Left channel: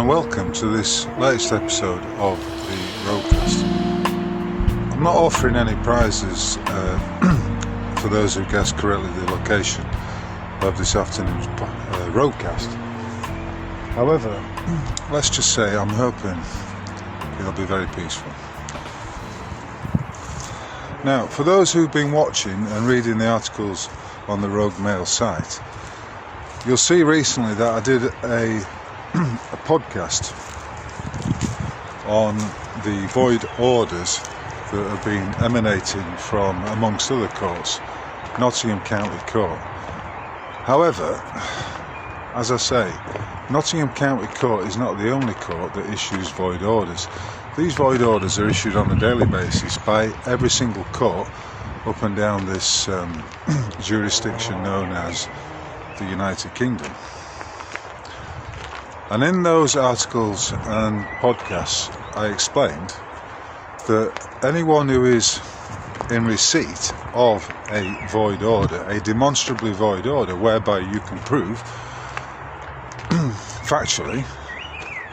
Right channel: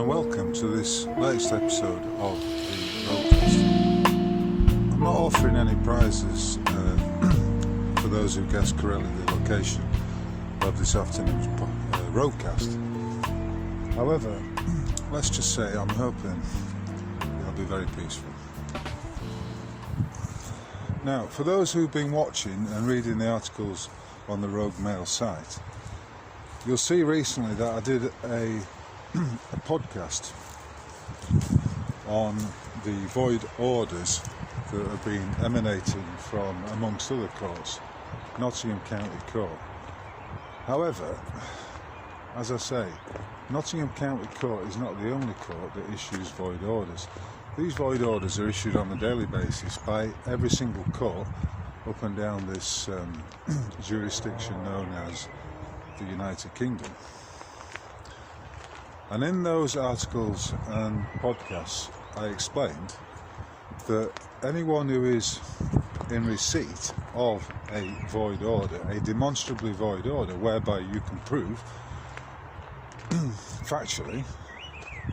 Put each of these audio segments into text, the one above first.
and welcome to this latest episode of the RogueCast. I'm not offering any prizes for those who guessed correctly the location of this afternoon's RogueCast. However, let's just say I'm hoping it'll be very peaceful. Now, for those who've been watching and reading the articles on the Rogue Mail site, you'll see recently that I did a podcast on the void orders that have been emanating from, amongst other courts, Nottingham County Court. However, as I say, Nottingham County Court is not the only court that issues void orders. These void orders are issued on a daily basis by every single court up and down this jurisdiction known as the United Kingdom. And in those articles and podcasts I explained that anyone who is in receipt of a void order, a demonstrably void order, whereby you can prove factually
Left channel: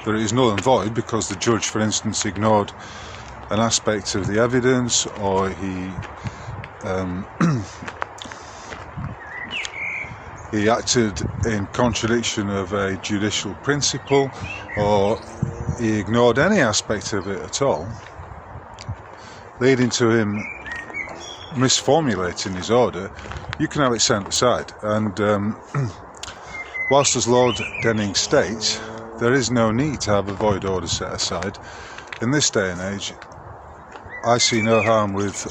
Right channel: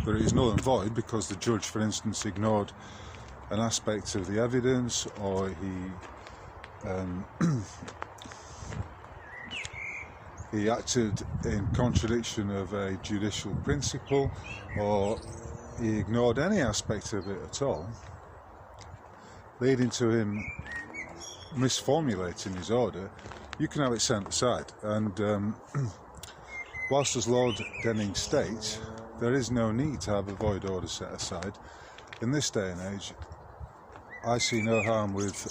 that it is null and void because the judge, for instance, ignored an aspect of the evidence, or he acted in contradiction of a judicial principle, or he ignored any aspect of it at all, leading to him misformulating his order, you can have it sent aside. And whilst, as Lord Denning states, there is no need to have a void order set aside, in this day and age I see no harm with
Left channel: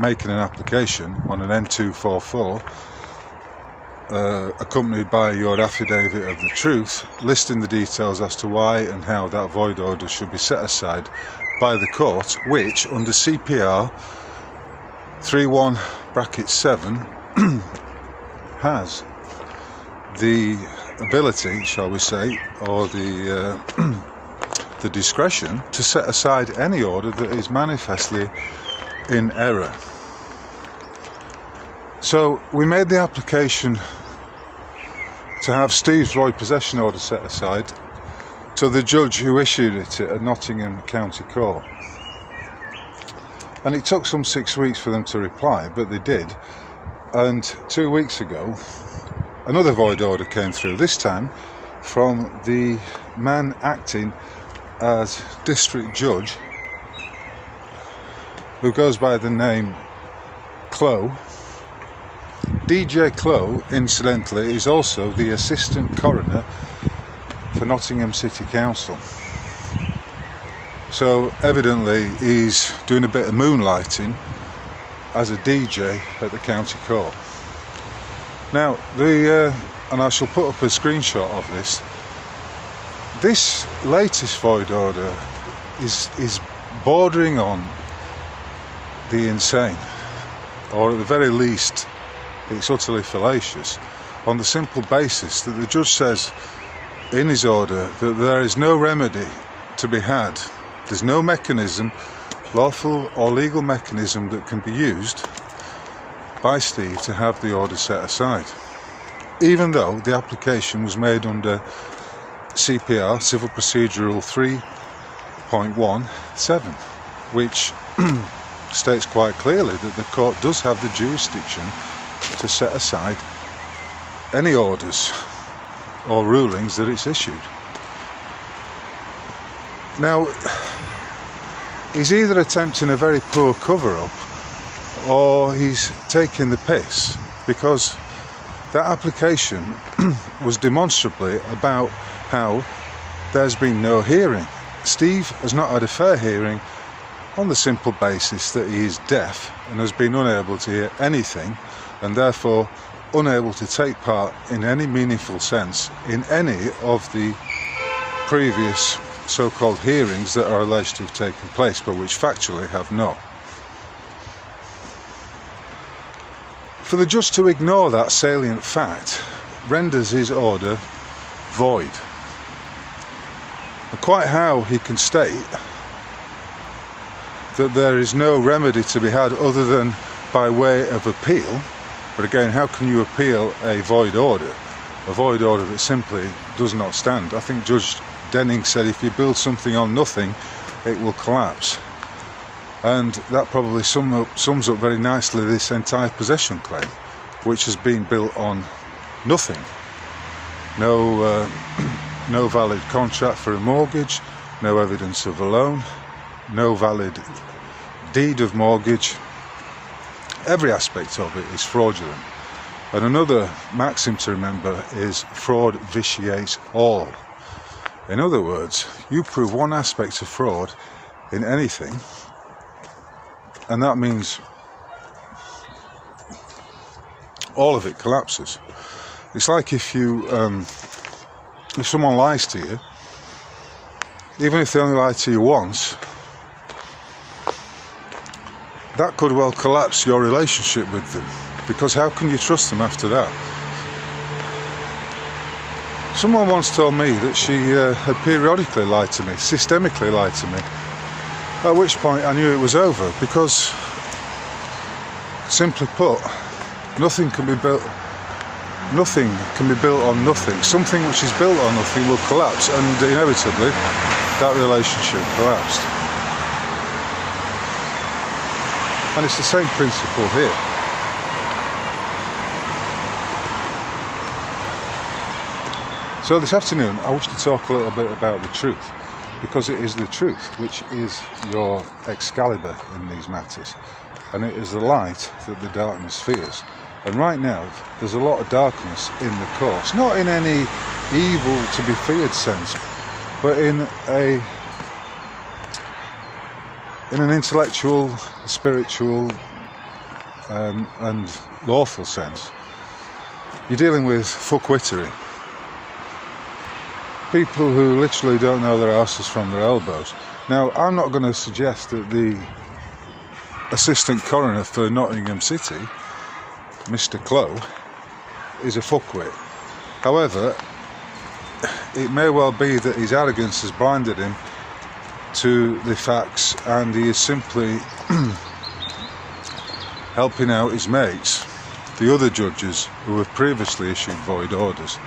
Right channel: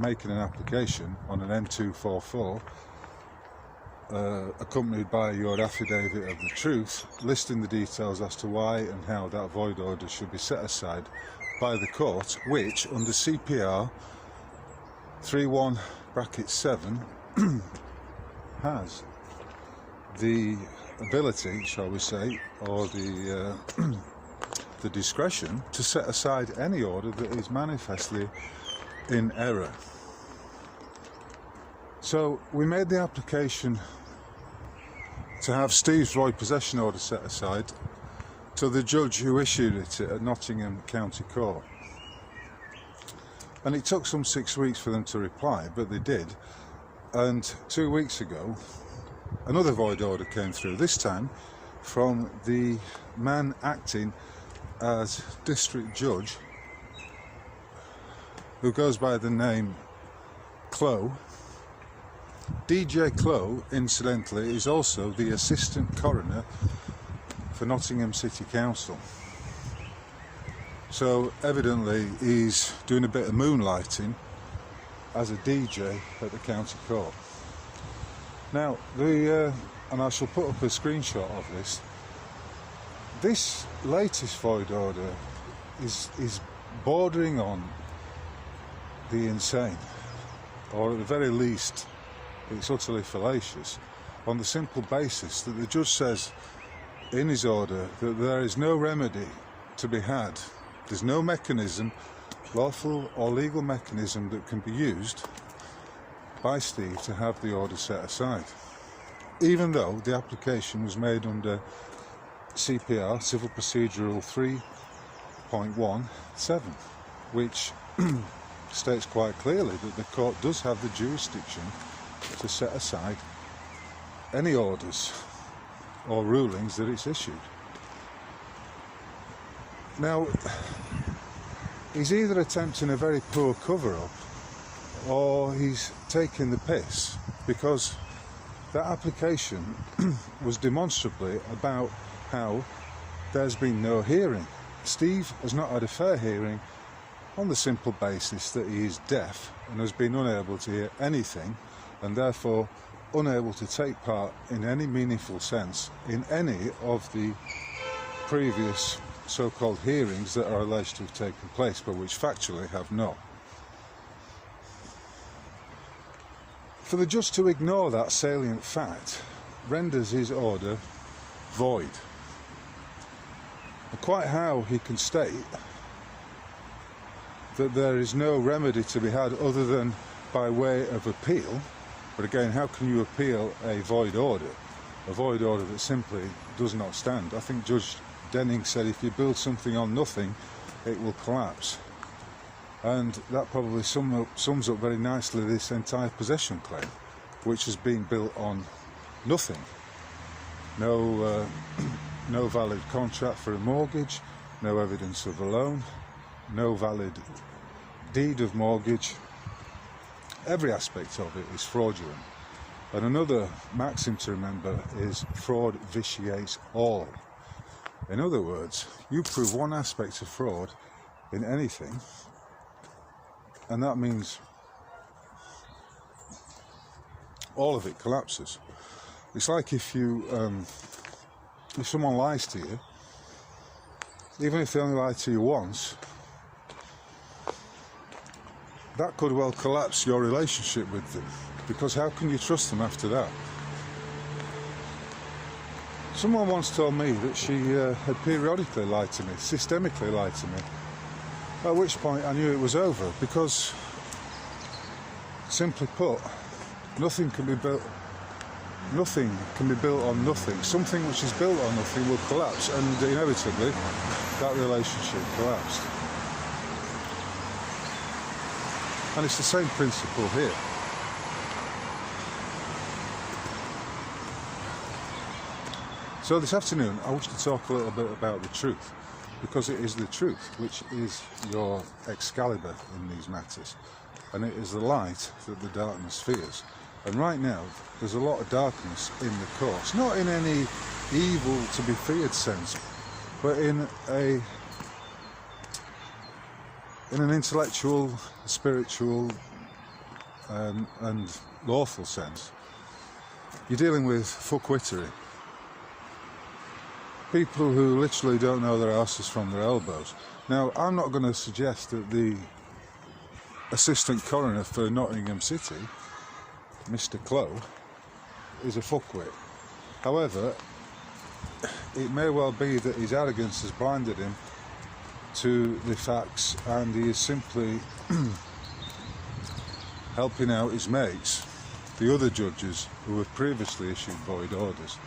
making an application on an N244 accompanied by your affidavit of the truth, listing the details as to why and how that void order should be set aside by the court, which under CPR 31(7) has the ability, shall we say, or the discretion to set aside any order that is manifestly in error. So we made the application to have Steve's void possession order set aside to the judge who issued it at Nottingham County Court. And it took some 6 weeks for them to reply, but they did. And 2 weeks ago, another void order came through, this time from the man acting as district judge, who goes by the name Clow. DJ Clow, incidentally, is also the assistant coroner for Nottingham City Council. So evidently he's doing a bit of moonlighting as a DJ at the county court. Now, and I shall put up a screenshot of this. This latest void order is bordering on the insane, or at the very least it's utterly fallacious, on the simple basis that the judge says in his order that there is no remedy to be had. There's no mechanism, lawful or legal mechanism, that can be used by Steve to have the order set aside, even though the application was made under CPR, Civil Procedural 3.17, which states quite clearly that the court does have the jurisdiction to set aside any orders or rulings that it's issued. Now, he's either attempting a very poor cover-up or he's taking the piss, because that application was demonstrably about how there's been no hearing. Steve has not had a fair hearing on the simple basis that he is deaf and has been unable to hear anything, and therefore unable to take part in any meaningful sense in any of the previous so-called hearings that are alleged to have taken place, but which factually have not. For the judge to ignore that salient fact renders his order void. And quite how he can state that there is no remedy to be had other than by way of appeal, but again, how can you appeal a void order that simply does not stand? I think Judge Denning said if you build something on nothing, it will collapse. And that probably sums up very nicely this entire possession claim, which has been built on nothing. No valid contract for a mortgage, no evidence of a loan, no valid deed of mortgage. Every aspect of it is fraudulent. And another maxim to remember is fraud vitiates all. In other words, you prove one aspect of fraud in anything, and that means all of it collapses. It's like if someone lies to you, even if they only lie to you once, that could well collapse your relationship with them, because how can you trust them after that? Someone once told me that she had periodically lied to me, systemically lied to me, at which point I knew it was over, because, simply put, nothing can be built on nothing. Something which is built on nothing will collapse, and inevitably that relationship collapsed. And it's the same principle here. So this afternoon I wish to talk a little bit about the truth, because it is the truth which is your Excalibur in these matters, and it is the light that the darkness fears. And right now there's a lot of darkness in the course, not in any evil to be feared sense, but in an intellectual, spiritual and lawful sense. You're dealing with fuckwittery. People who literally don't know their asses from their elbows. Now, I'm not going to suggest that the assistant coroner for Nottingham City, Mr. Clow, is a fuckwit. However, it may well be that his arrogance has blinded him to the facts, and he is simply helping out his mates, the other judges who have previously issued void orders.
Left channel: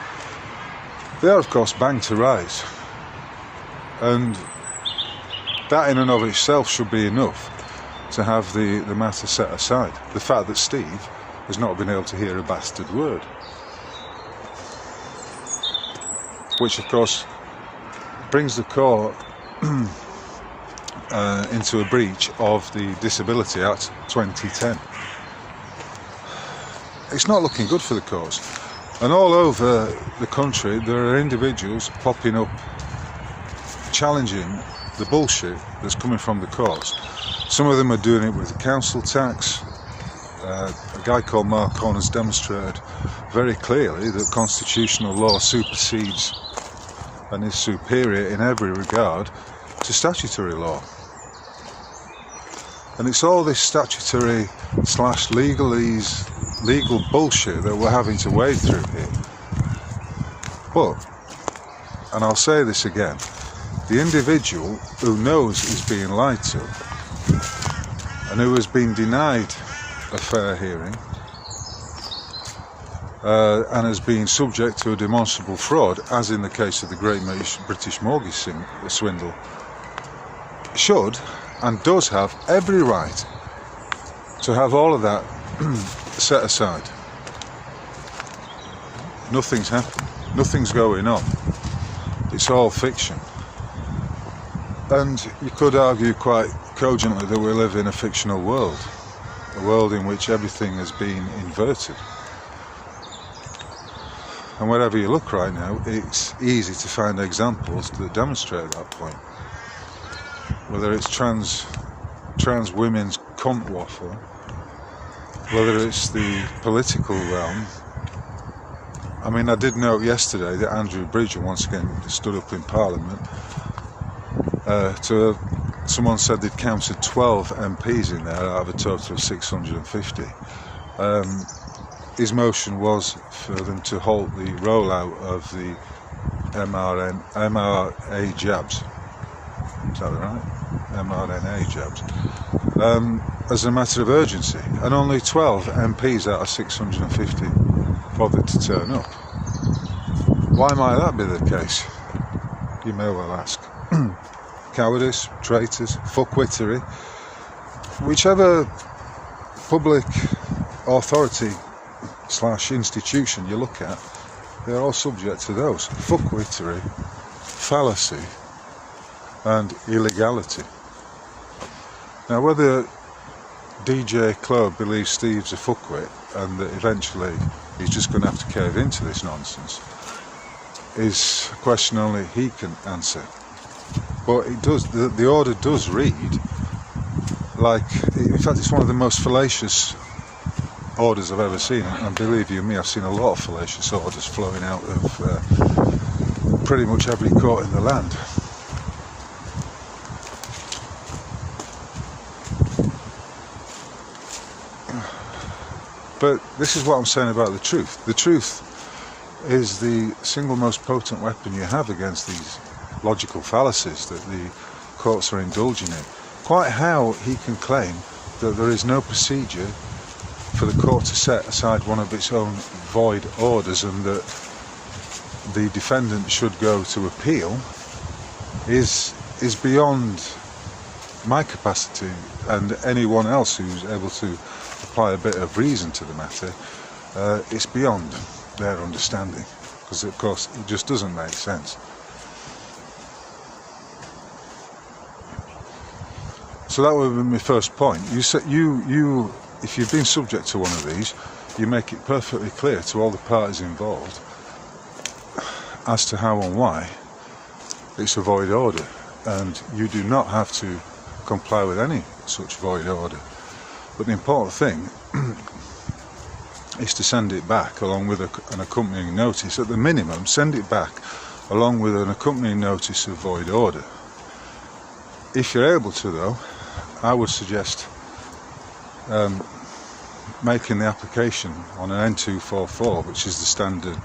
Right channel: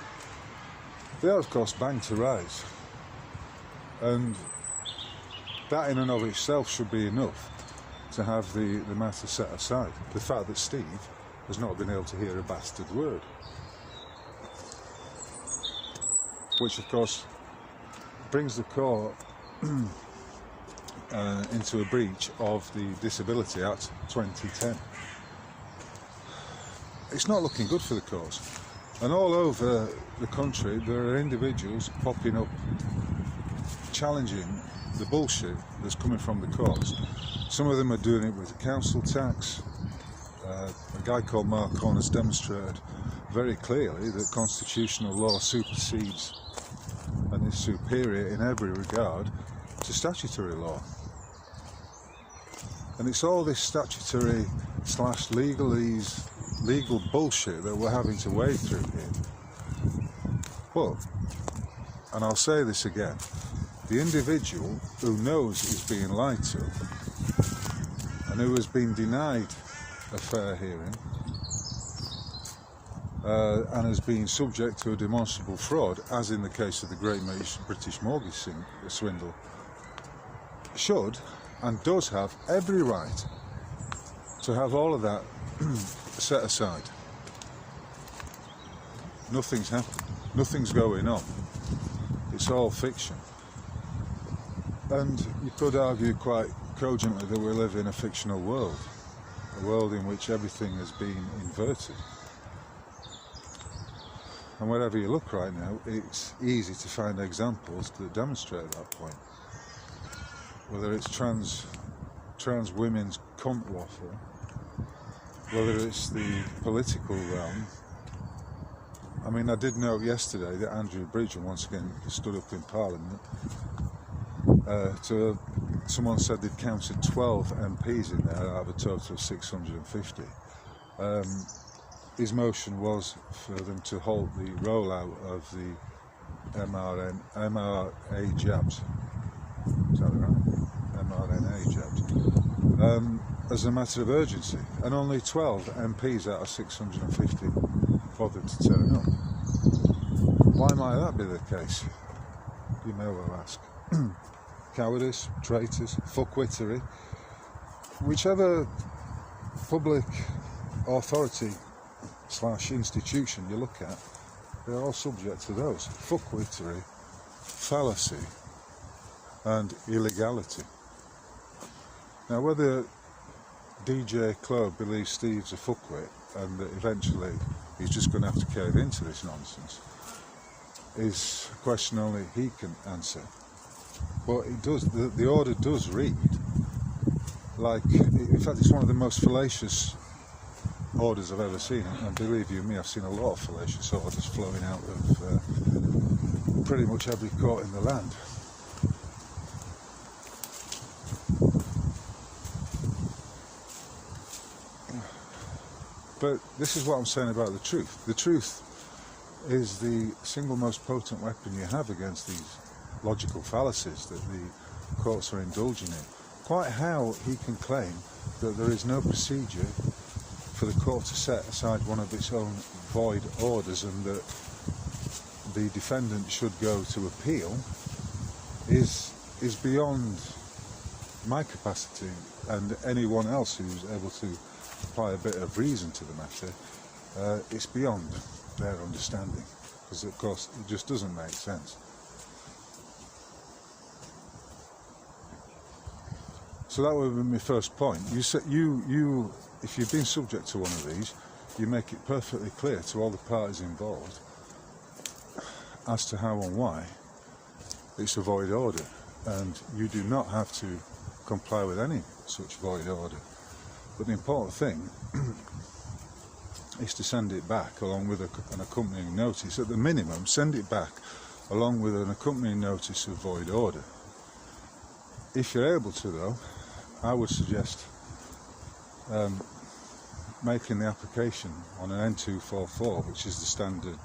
They are, of course, banged to rise, and that in and of itself should be enough to have the matter set aside. The fact that Steve has not been able to hear a bastard word, which of course brings the court into a breach of the Disability Act 2010. It's not looking good for the cause. And all over the country there are individuals popping up challenging the bullshit that's coming from the courts. Some of them are doing it with the council tax. A guy called Mark Horner's demonstrated very clearly that constitutional law supersedes and is superior in every regard to statutory law. And it's all this statutory / legal bullshit that we're having to wade through here. But, and I'll say this again, the individual who knows he's being lied to and who has been denied a fair hearing and has been subject to a demonstrable fraud, as in the case of the Great British Mortgage Swindle, should and does have every right to have all of that set aside. Nothing's happened. Nothing's going on. It's all fiction. And you could argue quite cogently that we live in a fictional world, a world in which everything has been inverted. And wherever you look right now, it's easy to find examples that demonstrate that point. Whether it's trans women's cunt waffle, whether it's the political realm. I mean, I did note yesterday that Andrew Bridger once again stood up in Parliament. Someone said they'd counted 12 MPs in there out of a total of 650. His motion was for them to halt the rollout of the mRNA jabs. Is that right? mRNA jabs. As a matter of urgency, and only 12 MPs out of 650 bothered to turn up. Why might that be the case? you may well ask. Cowardice, traitors, fuckwittery, whichever public authority / institution you look at, they're all subject to those. Fuckwittery, fallacy, and illegality. Now, whether DJ Chloe believes Steve's a fuckwit and that eventually he's just going to have to cave into this nonsense is a question only he can answer. But it does. The order does read like, in fact, it's one of the most fallacious orders I've ever seen. And believe you me, I've seen a lot of fallacious orders flowing out of pretty much every court in the land. But this is what I'm saying about the truth. The truth is the single most potent weapon you have against these logical fallacies that the courts are indulging in. Quite how he can claim that there is no procedure for the court to set aside one of its own void orders and that the defendant should go to appeal is beyond my capacity and anyone else who's able to apply a bit of reason to the matter. It's beyond their understanding, because of course it just doesn't make sense. So that would be my first point. You said you if you've been subject to one of these, you make it perfectly clear to all the parties involved as to how and why it's a void order, and you do not have to comply with any such void order. But the important thing is to send it back along with an accompanying notice. At the minimum, send it back along with an accompanying notice of void order. If you're able to, though, I would suggest making the application on an N244, which is the standard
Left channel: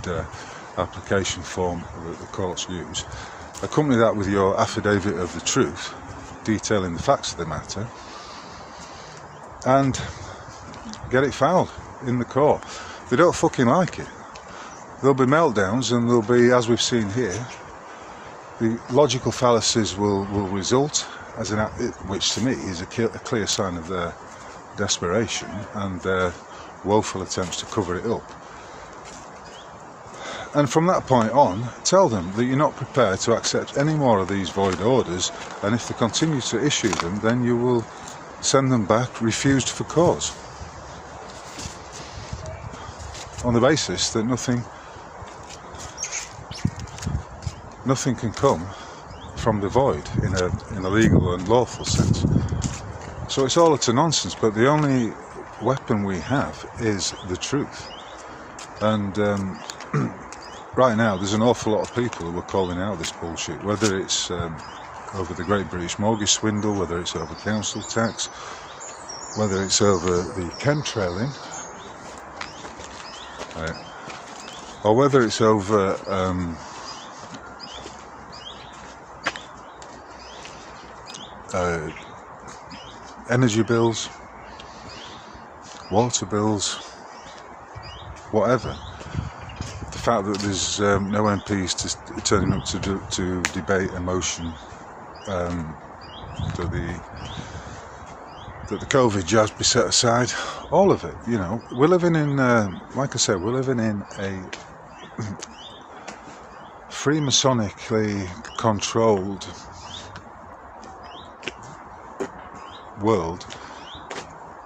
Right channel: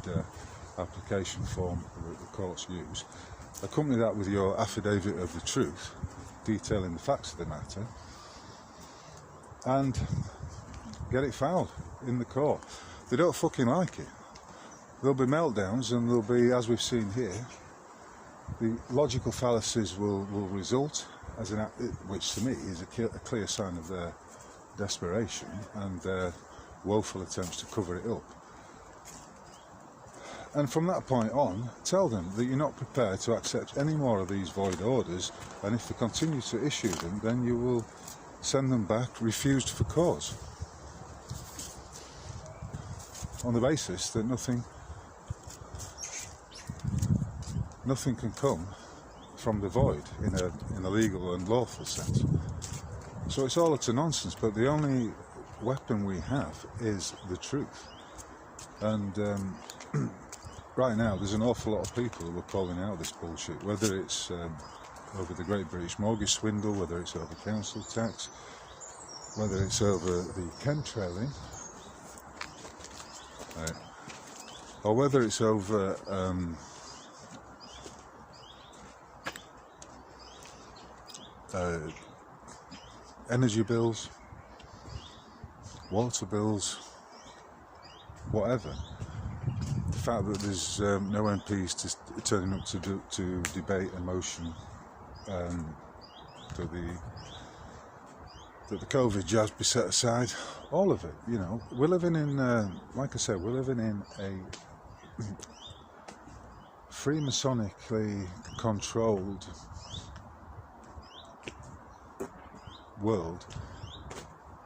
application form that the courts use. Accompany that with your affidavit of the truth, detailing the facts of the matter, and get it filed in the court. They don't fucking like it. There'll be meltdowns, and there'll be, as we've seen here, the logical fallacies will result, as an which to me is a clear sign of their desperation and their woeful attempts to cover it up. And from that point on, tell them that you're not prepared to accept any more of these void orders, and if they continue to issue them, then you will send them back refused for cause, on the basis that nothing can come from the void in a legal and lawful sense. So it's all utter nonsense, but the only weapon we have is the truth. And right now there's an awful lot of people who are calling out this bullshit, whether it's over the Great British Mortgage Swindle, whether it's over council tax, whether it's over the chemtrailing, or whether it's over energy bills, water bills, whatever. The fact that there's no MPs turning up to debate a motion that the COVID jabs be set aside, all of it. You know, we're living in, like I said, we're living in a Freemasonically controlled world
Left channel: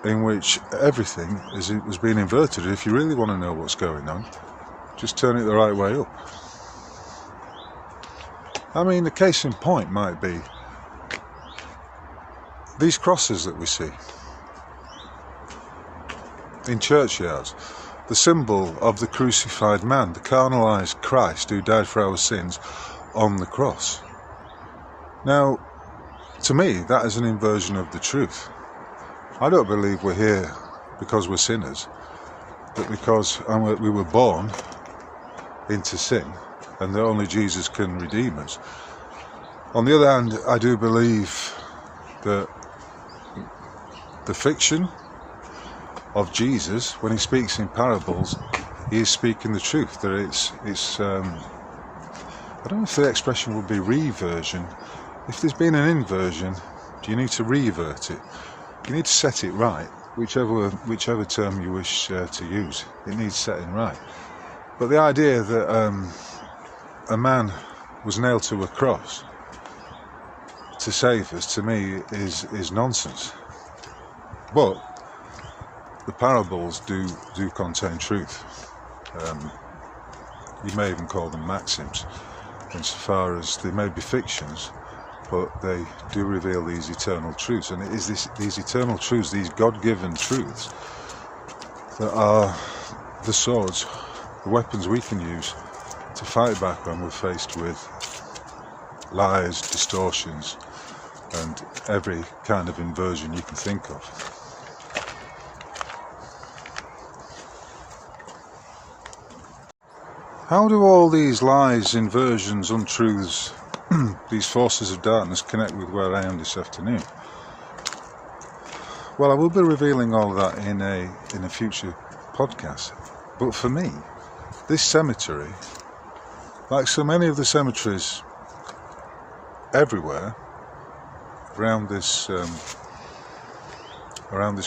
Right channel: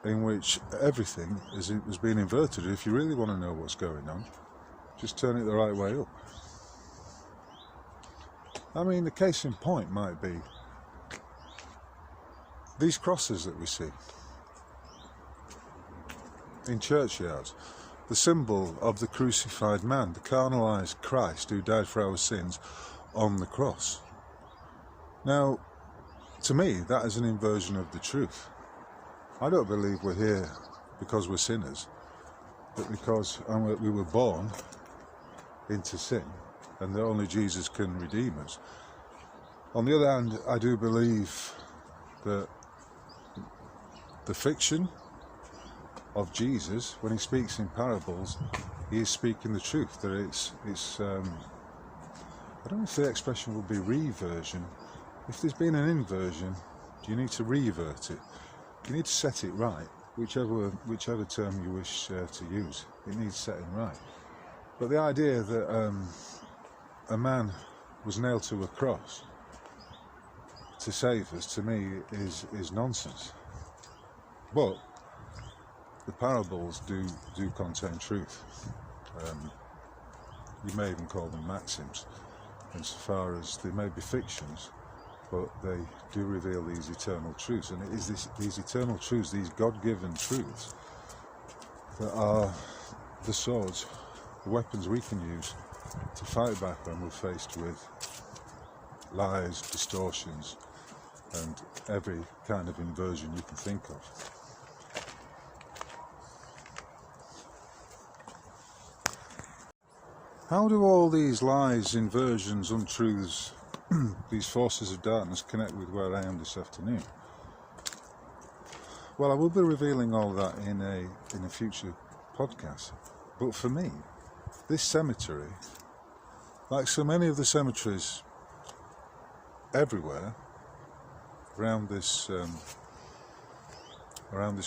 in which everything was being inverted. If you really want to know what's going on, just turn it the right way up. I mean, the case in point might be these crosses that we see in churchyards, the symbol of the crucified man, the carnalized Christ who died for our sins on the cross. Now, to me, that is an inversion of the truth. I don't believe we're here because we're sinners, but because we were born into sin and that only Jesus can redeem us. On the other hand, I do believe that the fiction of Jesus, when he speaks in parables, he is speaking the truth, that it's a I don't know if the expression would be reversion. If there's been an inversion, do you need to revert it? You need to set it right, whichever term you wish to use. It needs setting right. But the idea that a man was nailed to a cross to save us, to me, is nonsense. But the parables do contain truth. You may even call them maxims, insofar as they may be fictions, but they do reveal these eternal truths. And it is these eternal truths, these God-given truths, that are the swords, the weapons we can use to fight back when we're faced with lies, distortions, and every kind of inversion you can think of. How do all these lies, inversions, untruths, these forces of darkness connect with where I am this afternoon? Well, I will be revealing all of that in a future podcast. But for me, this cemetery, like so many of the cemeteries everywhere around this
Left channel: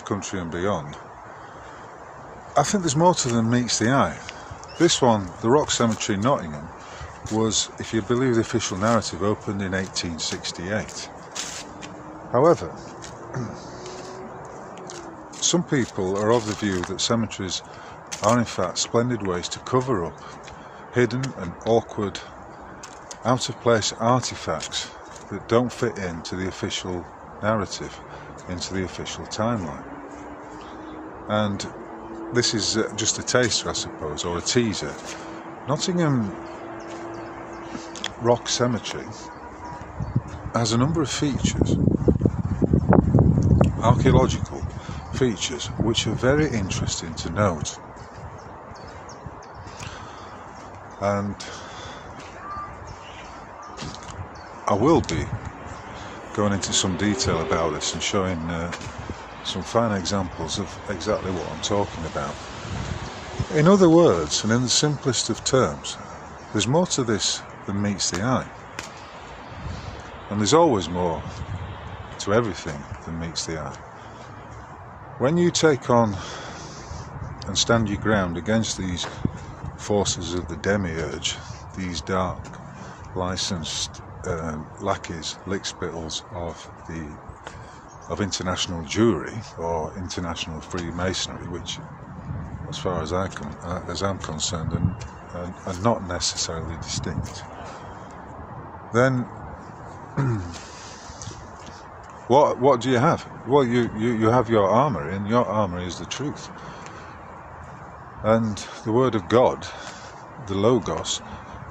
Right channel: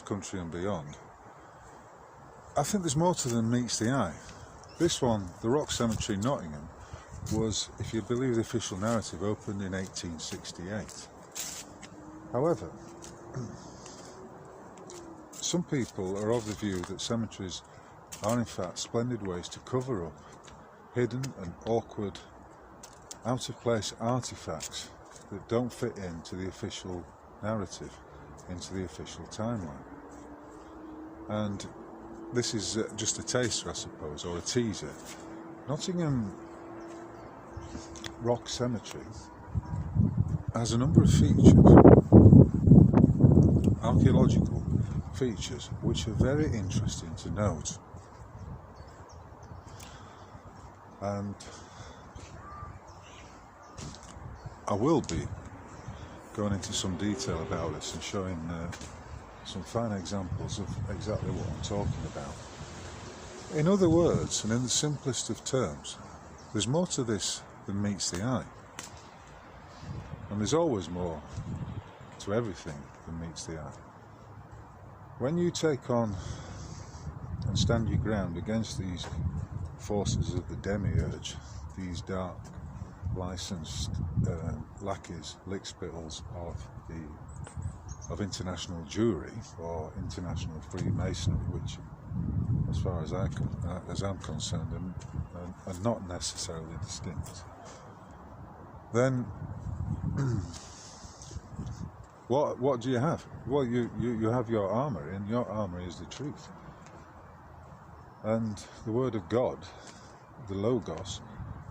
country and beyond, I think there's more to them than meets the eye. This one, the Rock Cemetery, Nottingham, was, if you believe the official narrative, opened in 1868. However, some people are of the view that cemeteries are in fact splendid ways to cover up hidden and awkward, out-of-place artifacts that don't fit into the official narrative, into the official timeline. And this is just a taster, I suppose, or a teaser. Nottingham Rock Cemetery has a number of features, archaeological features, which are very interesting to note. And I will be going into some detail about this and showing some fine examples of exactly what I'm talking about. In other words, and in the simplest of terms, there's more to this than meets the eye. And there's always more to everything than meets the eye. When you take on and stand your ground against these forces of the demiurge, these dark, licensed lackeys, lickspittles of international Jewry or international Freemasonry, which, as far as I'm concerned, are not necessarily distinct, then what do you have? Well, you have your armour, and your armour is the truth. And the Word of God, the Logos,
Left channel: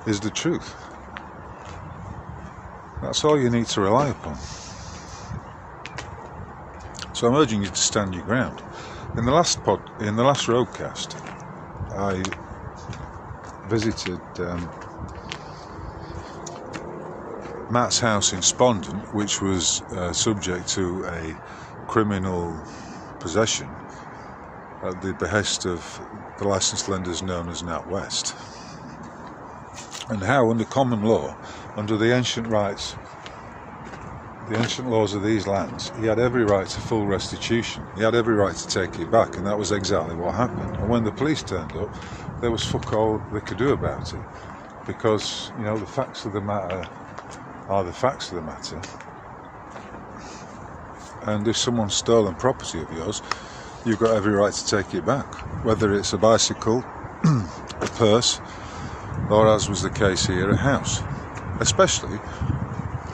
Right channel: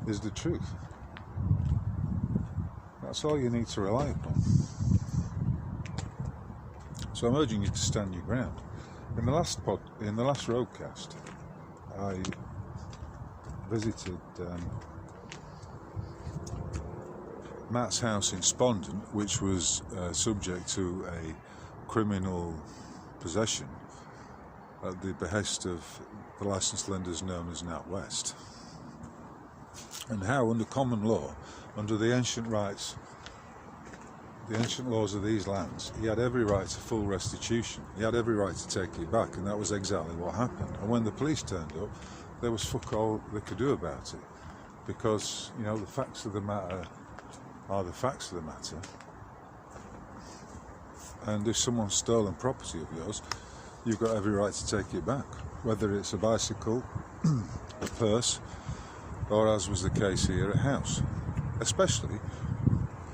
is the truth. That's all you need to rely upon. So I'm urging you to stand your ground. In the last RogueCast, I visited Matt's house in Spondon, which was subject to a criminal possession at the behest of the licensed lenders known as NatWest, and how under common law, under the ancient rights, the ancient laws of these lands, he had every right to full restitution. He had every right to take it back, and that was exactly what happened. And when the police turned up, there was fuck all they could do about it, because, you know, the facts of the matter are the facts of the matter. And if someone's stolen property of yours, you've got every right to take it back, whether it's a bicycle, a purse, or, as was the case here, a house. Especially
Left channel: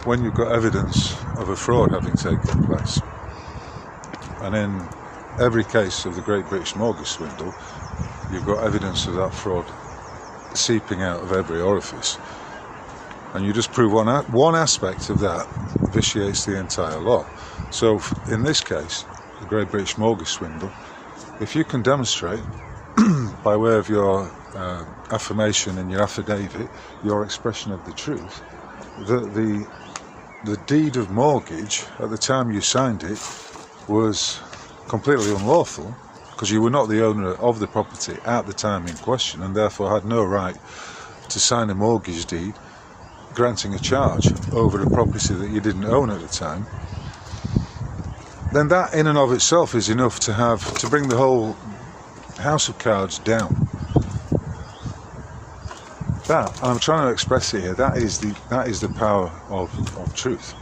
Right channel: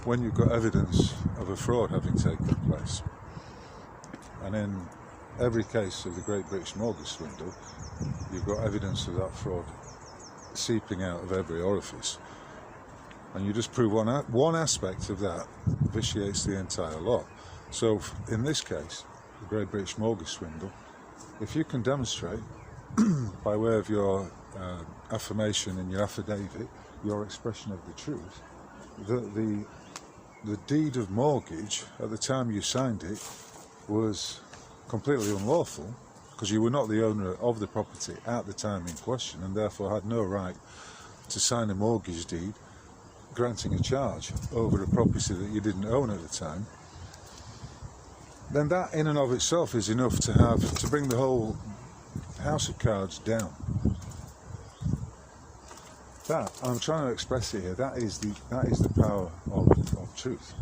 when you've got evidence of a fraud having taken place. And in every case of the Great British Mortgage Swindle, you've got evidence of that fraud seeping out of every orifice. And you just prove one aspect of that vitiates the entire law. So in this case, the Great British Mortgage Swindle, if you can demonstrate by way of your affirmation and your affidavit, your expression of the truth, that the deed of mortgage at the time you signed it was completely unlawful, because you were not the owner of the property at the time in question, and therefore had no right to sign a mortgage deed granting a charge over a property that you didn't own at the time, then that in and of itself is enough to bring the whole house of cards down. That, and I'm trying to express it here, that is the power of truth,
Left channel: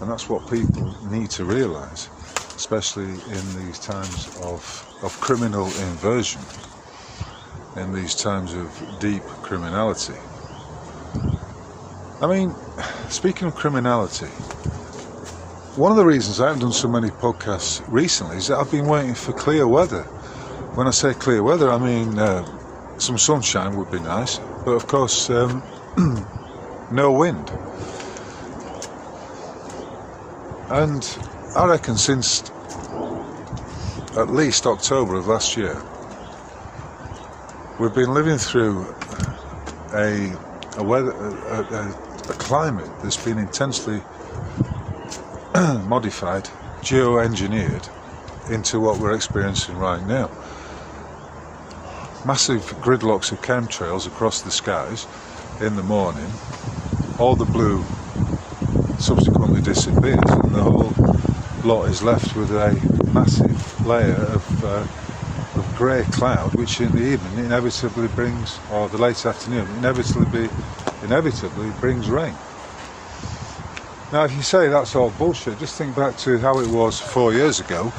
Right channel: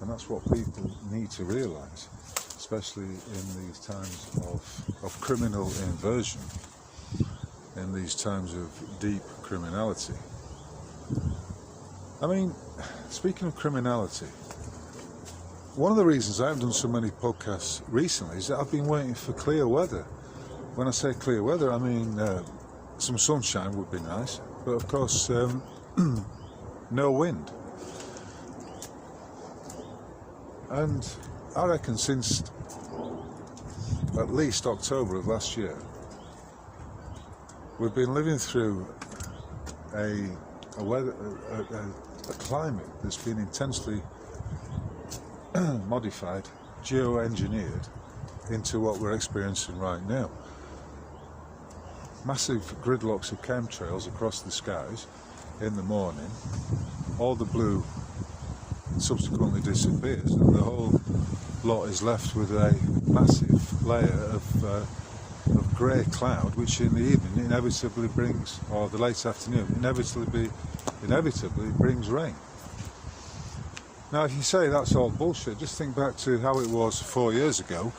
and that's what people need to realise, especially in these times of criminal inversion, in these times of deep criminality. I mean, speaking of criminality, one of the reasons I haven't done so many podcasts recently is that I've been waiting for clear weather. When I say clear weather, I mean some sunshine would be nice, but of course no wind. And I reckon since at least October of last year, we've been living through a climate that's been intensely modified, geo-engineered into what we're experiencing right now. Massive gridlocks of chemtrails across the skies in the morning. All the blue subsequently disappears, and the whole lot is left with a massive layer of grey cloud, which in the evening inevitably brings, or the late afternoon, inevitably brings rain. Now, if you say that's all bullshit, just think back to how it was 4 years ago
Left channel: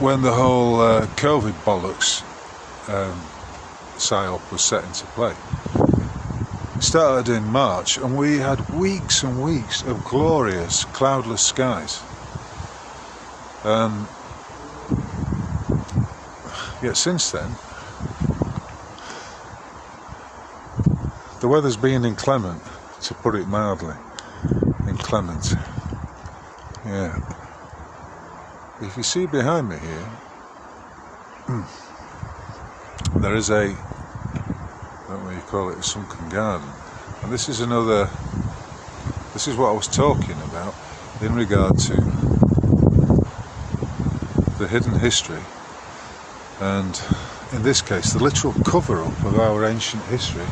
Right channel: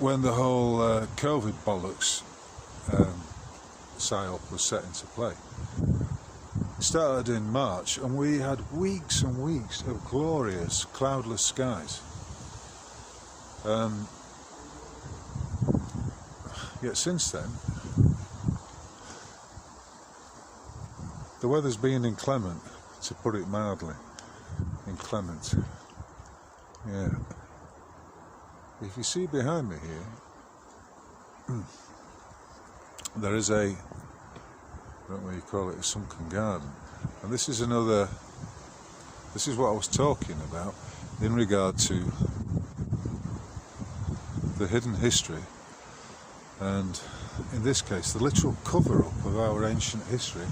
when the whole COVID bollocks psyop was set into play. It started in March, and we had weeks and weeks of glorious cloudless skies. Yet since then, the weather's been inclement, to put it mildly. Inclement. Yeah. If you see behind me here, there is a, I don't know what you call it, a sunken garden. And this is what I was talking about in regard to the hidden history, and in this case the literal cover-up of our ancient history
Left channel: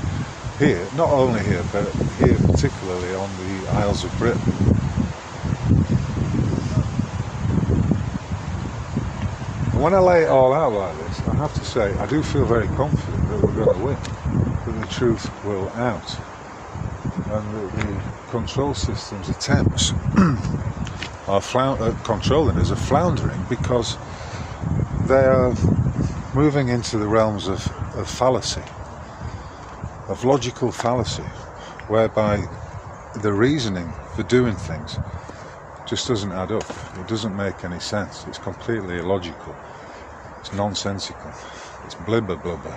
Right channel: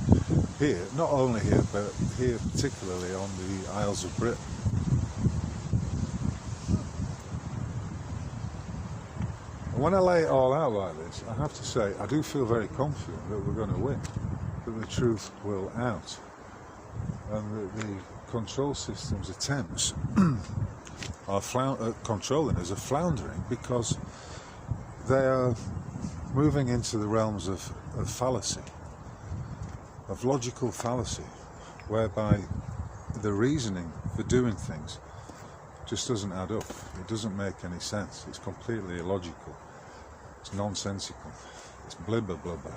here, not only here, but here particularly on the Isles of Britain. And when I lay it all out like this, I have to say I do feel very confident that we're going to win, that the truth will out, and that the control system's attempts at controlling us are floundering because they are moving into the realms of fallacy, of logical fallacy, whereby the reasoning for doing things just doesn't add up. It doesn't make any sense. It's completely illogical. It's nonsensical. It's blibber blubber.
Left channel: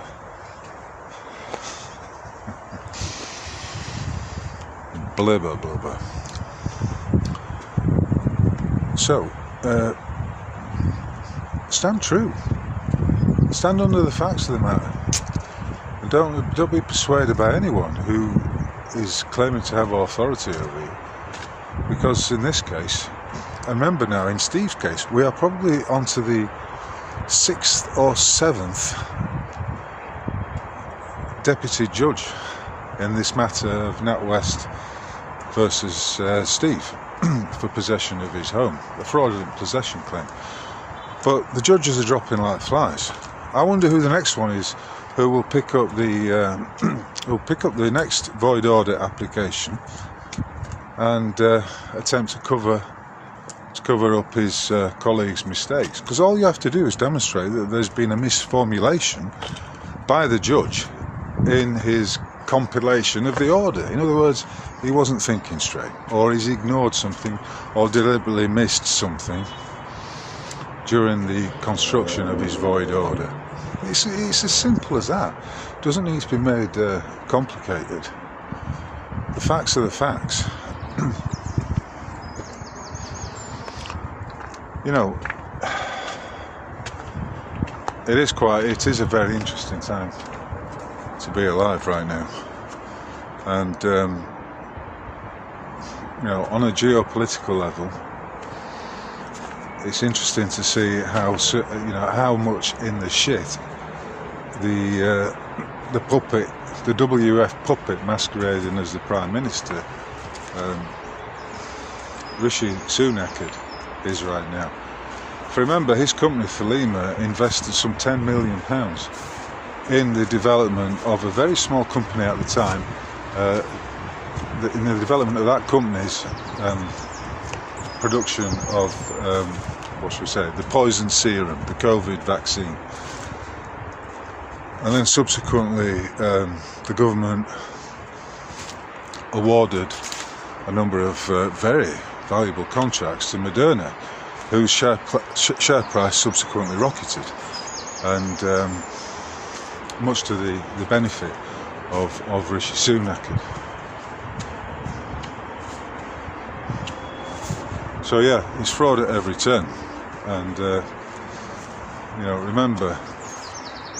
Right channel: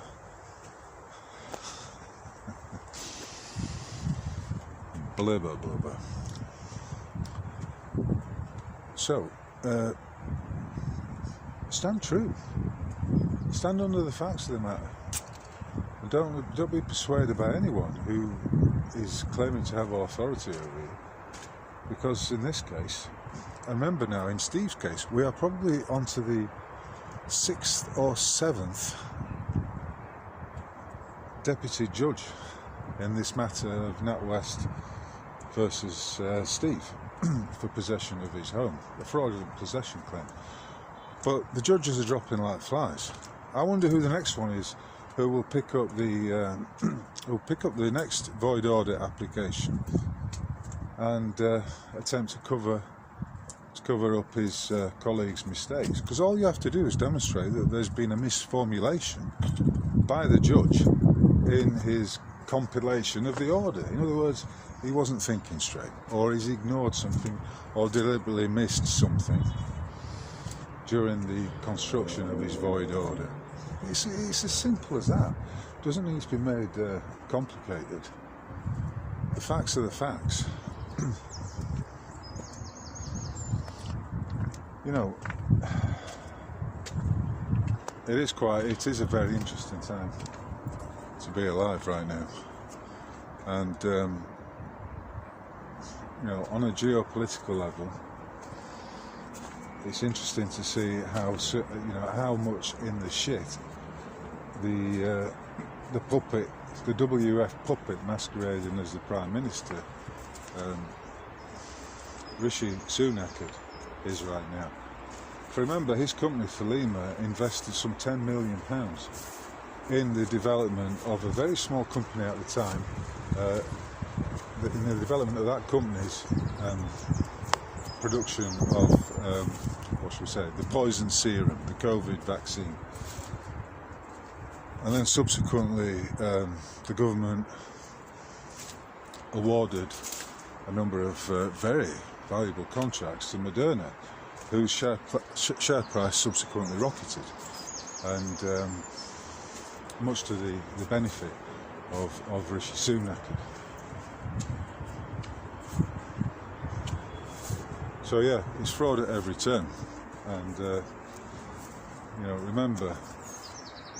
Blibber blubber. So, stand true. Stand under the facts of the matter. And don't be persuaded by anyone who is claiming to have authority over you. Because in this case, and remember now, in Steve's case, we are probably onto the 6th or 7th deputy judge in this matter of NatWest versus Steve for possession of his home, a fraudulent possession claim. But the judges are dropping like flies. I wonder who the next one is who will pick up the next void order application and attempt to cover up his colleague's mistakes. Because all you have to do is demonstrate that there's been a misformulation by the judge in his compilation of the order. In other words, he wasn't thinking straight, or he's ignored something, or deliberately missed something during the construction of his void order. It's as simple as that. It doesn't need to be made complicated. The facts are the facts. You know, it is a very interesting time to be alive right now. And you know, on a geopolitical level, it's interesting to see how much in the shit the the puppet, the WF puppet masquerading as the Prime Minister, Rishi Sunak is right now. If you remember, his company Thelema invested some £10 million in the development of a very small company at the time, in the development of that company's production of, what should we say, the poison serum, the COVID vaccine. And then subsequently the government awarded a number of very valuable contracts to Moderna, whose share price subsequently rocketed, and much to the benefit of Rishi Sunak. So yeah, it's fraud at every turn, and you know, remember,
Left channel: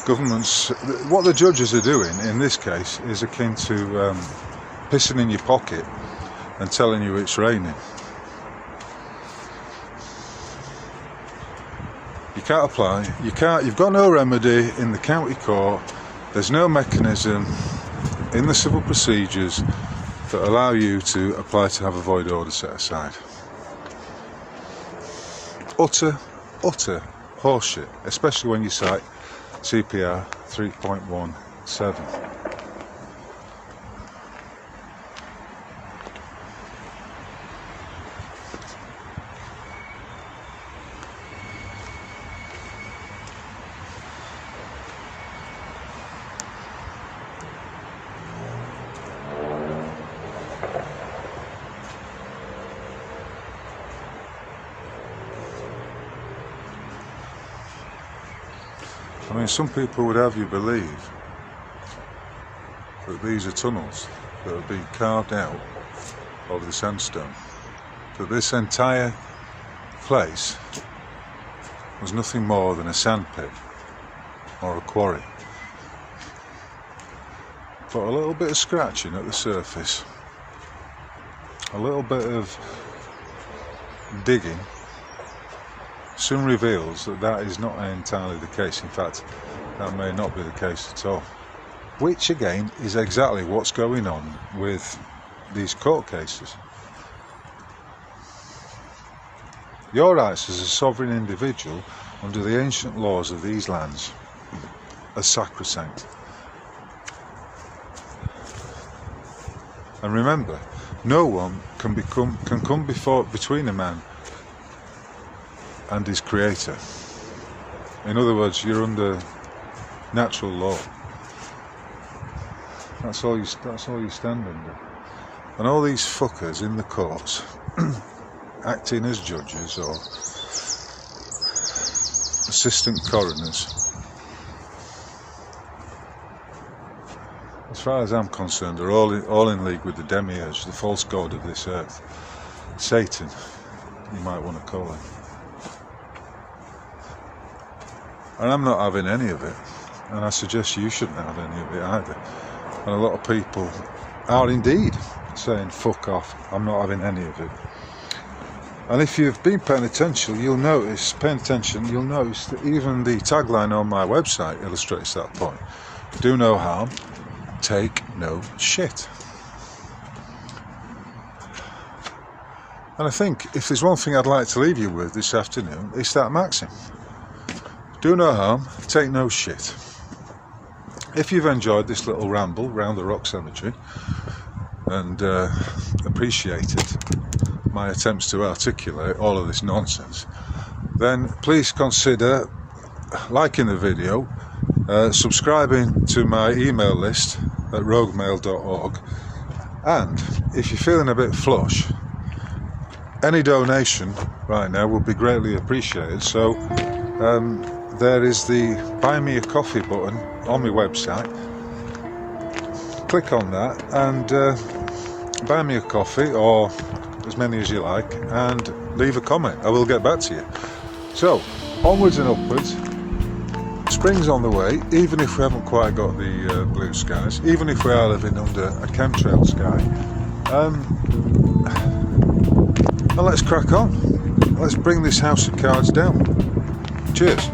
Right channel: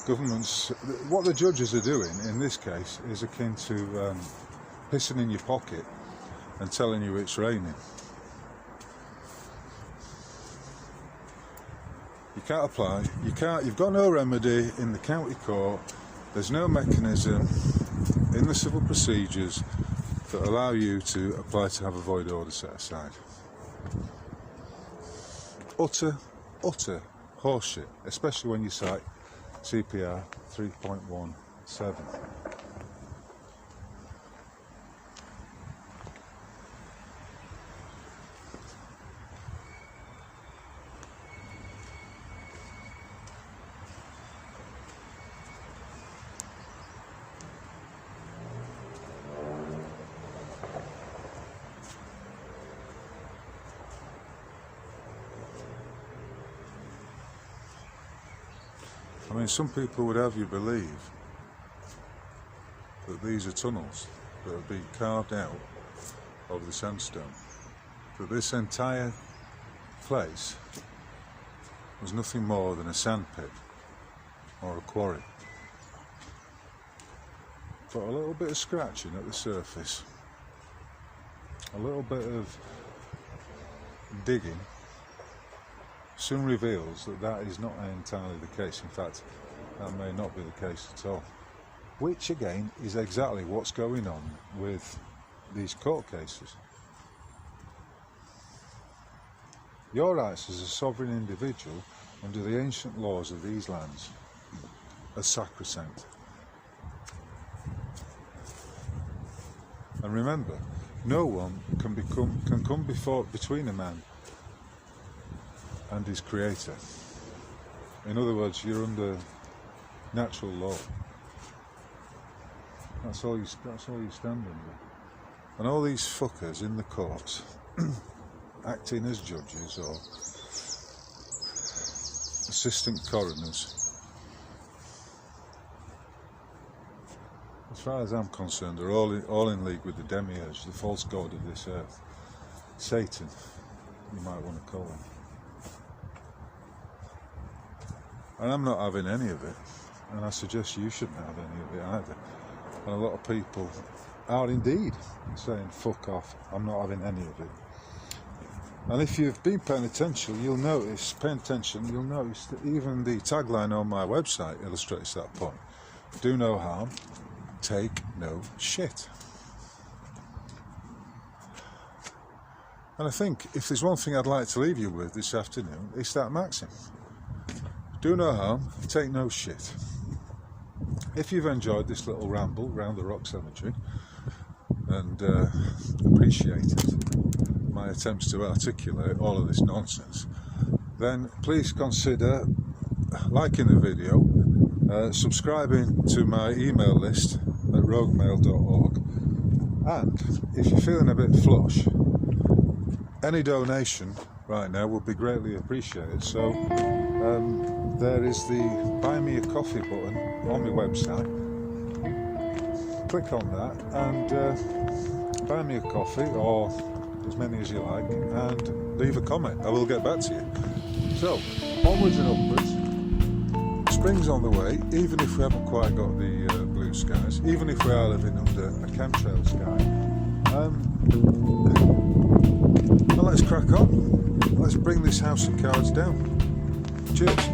governments, what the judges are doing in this case is akin to pissing in your pocket and telling you it's raining. You can't apply, you've got no remedy in the county court, there's no mechanism in the civil procedures that allow you to apply to have a void order set aside. Utter horseshit, especially when you cite CPR 3.17. I mean, some people would have you believe that these are tunnels that have been carved out of the sandstone, that this entire place was nothing more than a sandpit or a quarry. But a little bit of scratching at the surface, a little bit of digging soon reveals that that is not entirely the case. In fact, that may not be the case at all. Which again is exactly what's going on with these court cases. Your rights as a sovereign individual under the ancient laws of these lands are sacrosanct. And remember, no one can come between a man and his creator. In other words, you're under natural law. That's all you stand under. And all these fuckers in the courts acting as judges or assistant coroners, as far as I'm concerned, are all in league with the demiurge, the false god of this earth, Satan, you might want to call him. And I'm not having any of it, and I suggest you shouldn't have any of it either. And a lot of people are indeed saying fuck off, I'm not having any of it. And if you've been paying attention, you'll notice that even the tagline on my website illustrates that point. Do no harm, take no shit. And I think if there's one thing I'd like to leave you with this afternoon, it's that maxim. Do no harm, take no shit. If you've enjoyed this little ramble round the rock cemetery and appreciated my attempts to articulate all of this nonsense, then please consider liking the video, subscribing to my email list at roguemail.org, and if you're feeling a bit flush, any donation right now would be greatly appreciated. So there is the Buy Me a Coffee button on my website. Click on that and buy me a coffee, or as many as you like, and leave a comment. I will get back to you. So, onwards and upwards. Spring's on the way, even if we haven't quite got the blue skies, even if we are living under a chemtrail sky. And let's crack on. Let's bring this house of cards down. Cheers.